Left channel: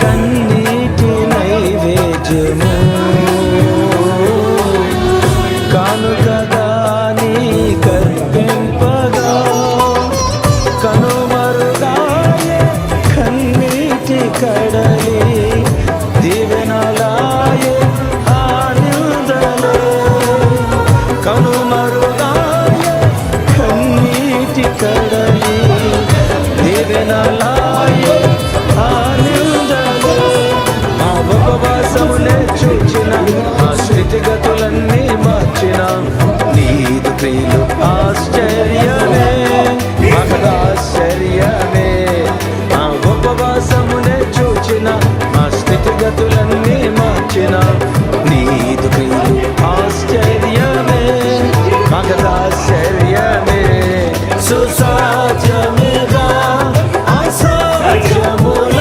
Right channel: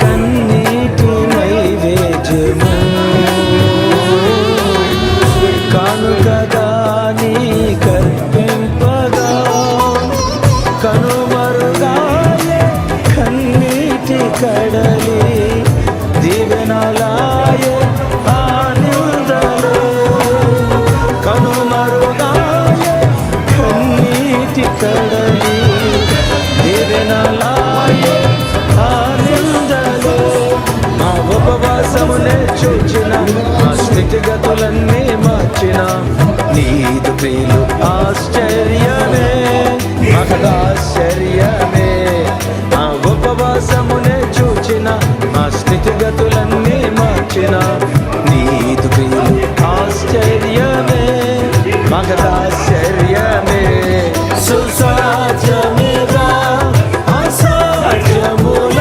కన్నీటి నైవేద్యము కానుకగా నీ కర్పింపగా కనుమరుగాయే కన్నీటి కడలి దీవెనలాయే ఆనందలే కనుమరుగాయే కన్నీటి కడలి దీవెనలాయే ఆనందలే మా ఉపవాసమునే చూచిన మా స్థితిగతులన్నీ మార్చిన నీదు ప్రియులు ఆశ్చర్యమే మహదాశ్చర్యమే మా ఉపవాసమునే చూచిన మా స్థితిగతులన్నీ మార్చిన నీదు ప్రియులు ఆశ్చర్యమే మహదాశ్చర్యమే సుసాధ్యమేగా అసాధ్యములని